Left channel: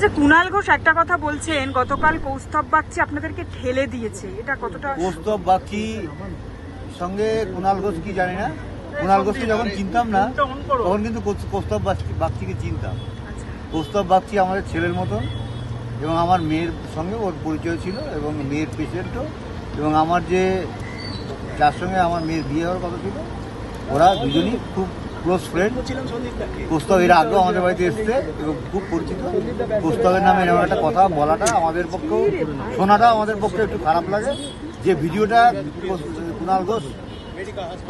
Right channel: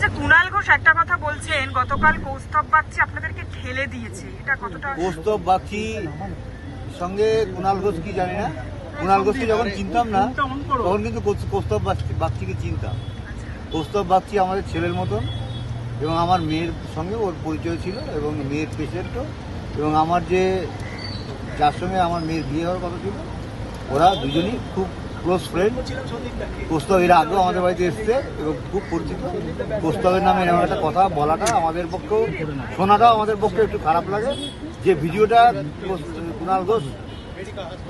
যে কুণাল ঘোষ একটা কথা বলছেন, গতকাল কৌস্তব বাগচি আপনাদেরকে ঠেলে দিয়েছে, এটা কতটা? কৌস্তব বাগচি সঙ্গে কুণাল ঘোষ কি জানি না, কুণাল ঘোষকে যখন চিনতাম না তখন কিন্তু কৌস্তব বাগচিকে চিনতাম। কৌস্তব বাগচি আমাদের ছেলের মতন এবং আমার মেয়ের সঙ্গে ওর পরিচয় ছিল এবং মেয়ের পেশেন্টও, এবং আমার যে যার সঙ্গে আমার মেয়ের বিয়ে হওয়ার কথা ছিল ওরা দুজনই খুব ক্লোজ ফ্রেন্ড। কৌস্তব এর আগে আমাদের বাড়িতে এসছে এবং খুব পরিচিত। কৌস্তবের নামে এমন একটা কথা বলাটা আমাদের পক্ষে, শোনাটা আমাদের পক্ষে একটু খারাপ লাগে। যে ভিডিওটা কুণাল ঘোষ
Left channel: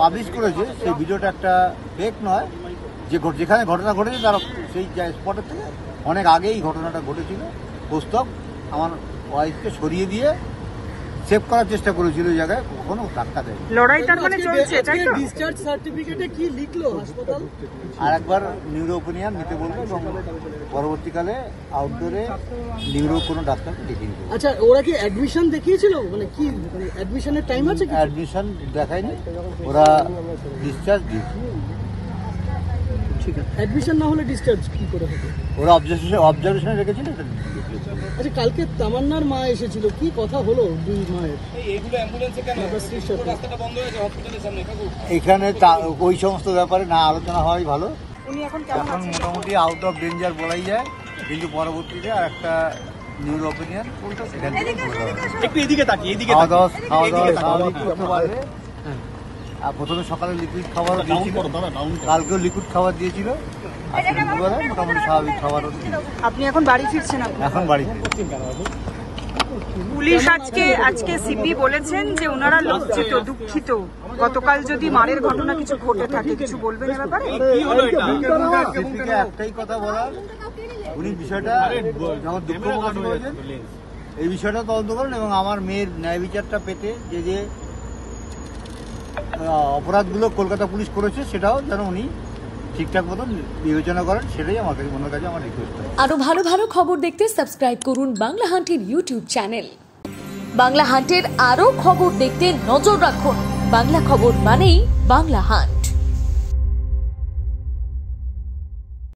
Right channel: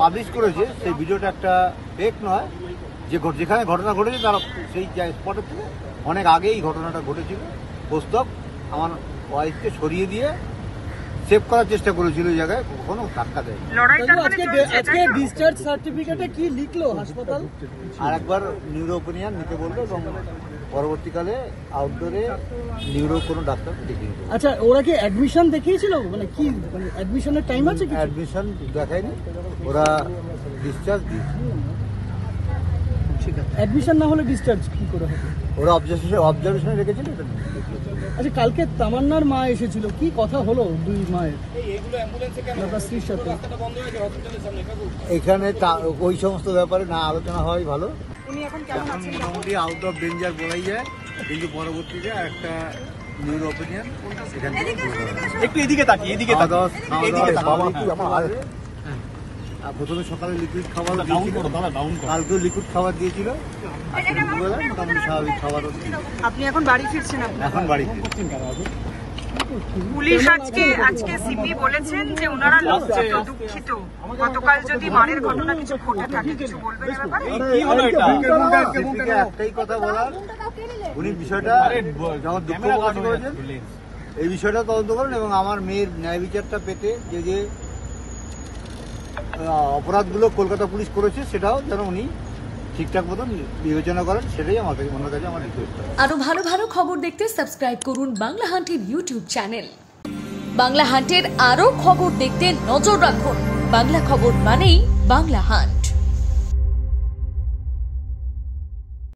পাবলিশ করেছে সেই ভিডিওটা একটা ফেক নয়, যেখানে ঘটনা ঘটেছে তার সেই স্পটের থেকে অনেক আগেই ঘটনাটা ঘটেছিল। কৌস্তব আমার ওয়াইফকে সরিয়ে দিয়ে সেভ করার চেষ্টা করেছিল ওই জায়গায়, কখনো ধাক্কা দেয়। আজকে ডিসচার্জ সার্টিফিকেটে কি লিখলো হাসপাতাল? আর একবার নিউরো ওপিনিয়ন নিতে বললো এবং পরবর্তীকালে আউটডোরে নিউরো কোনো ডাক্তারকে দেখিয়ে দিতে। আচ্ছা, ওরা কি অ্যাডমিশন দেখিয়েছিল? মানে কি অ্যাডমিশনের টাইম আছে? অ্যাডমিশন দেখায়নি, ওরা ডিসচার্জ দিয়েছে। ঠিক আছে, অ্যাডমিশন না হলে ডিসচার্জ কি করে হবে? ওরা অবজারভেশনে রেখেছিল। আচ্ছা, কালকে তামান্নার মা এসেছিল, কি কথা হলো দুই মায়ের? এখানে ওই সমস্ত ব্যাপারে না আলোচনা হওয়াই ভালো। মোটামুটি আউট অফ ডেঞ্জার বলাই যায়, কিন্তু পরবর্তীতে একটা নিউরো ওপিনিয়ন এখান থেকে খাওয়া দাওয়া স্বাভাবিক করতে পারবে। আর প্রথমে সকালে লিকুইড খাবার দিয়েছিল, কালকেও লিকুইড খাবার দিয়েছিল, আর দুপুরবেলায় মোটামুটি স্বাভাবিক খাবার। আপনি এখন বাড়ি ফিরছেন? এখন বাড়ি। পুলিশ আজকে সিপি বলেছেন যে ওনারা লজ্জিত, দুঃখিত। গতকাল যদি মারের ঘটনা কিছু ঘটে থাকে কিছু বলবেন এ ব্যাপারে? সিপিকে একটাই কথা বলার, উনি বিষয়টা যেমন দুঃখ প্রকাশ করেছেন, এই বিষয়টা তদন্ত করেন এবং আমার মেয়ের ন্যায় বিচারটা পেতে যে অপরাধগুলো কলকাতা পুলিশ করেছে সেটাও যেন উনি ঠিকঠাক মতন বিবেচনা করেন, সেটাই আমার কাছে আমার রিকোয়েস্ট। আরো ভালো ভালো খবর দেখতে সাবস্ক্রাইব করুন বাংলা হান্টের ইউটিউব চ্যানেল। বাংলা হান্টের আরো খবর দেখতে নজর রাখুন। বাংলা খবর মানেই বাংলা হান্ট।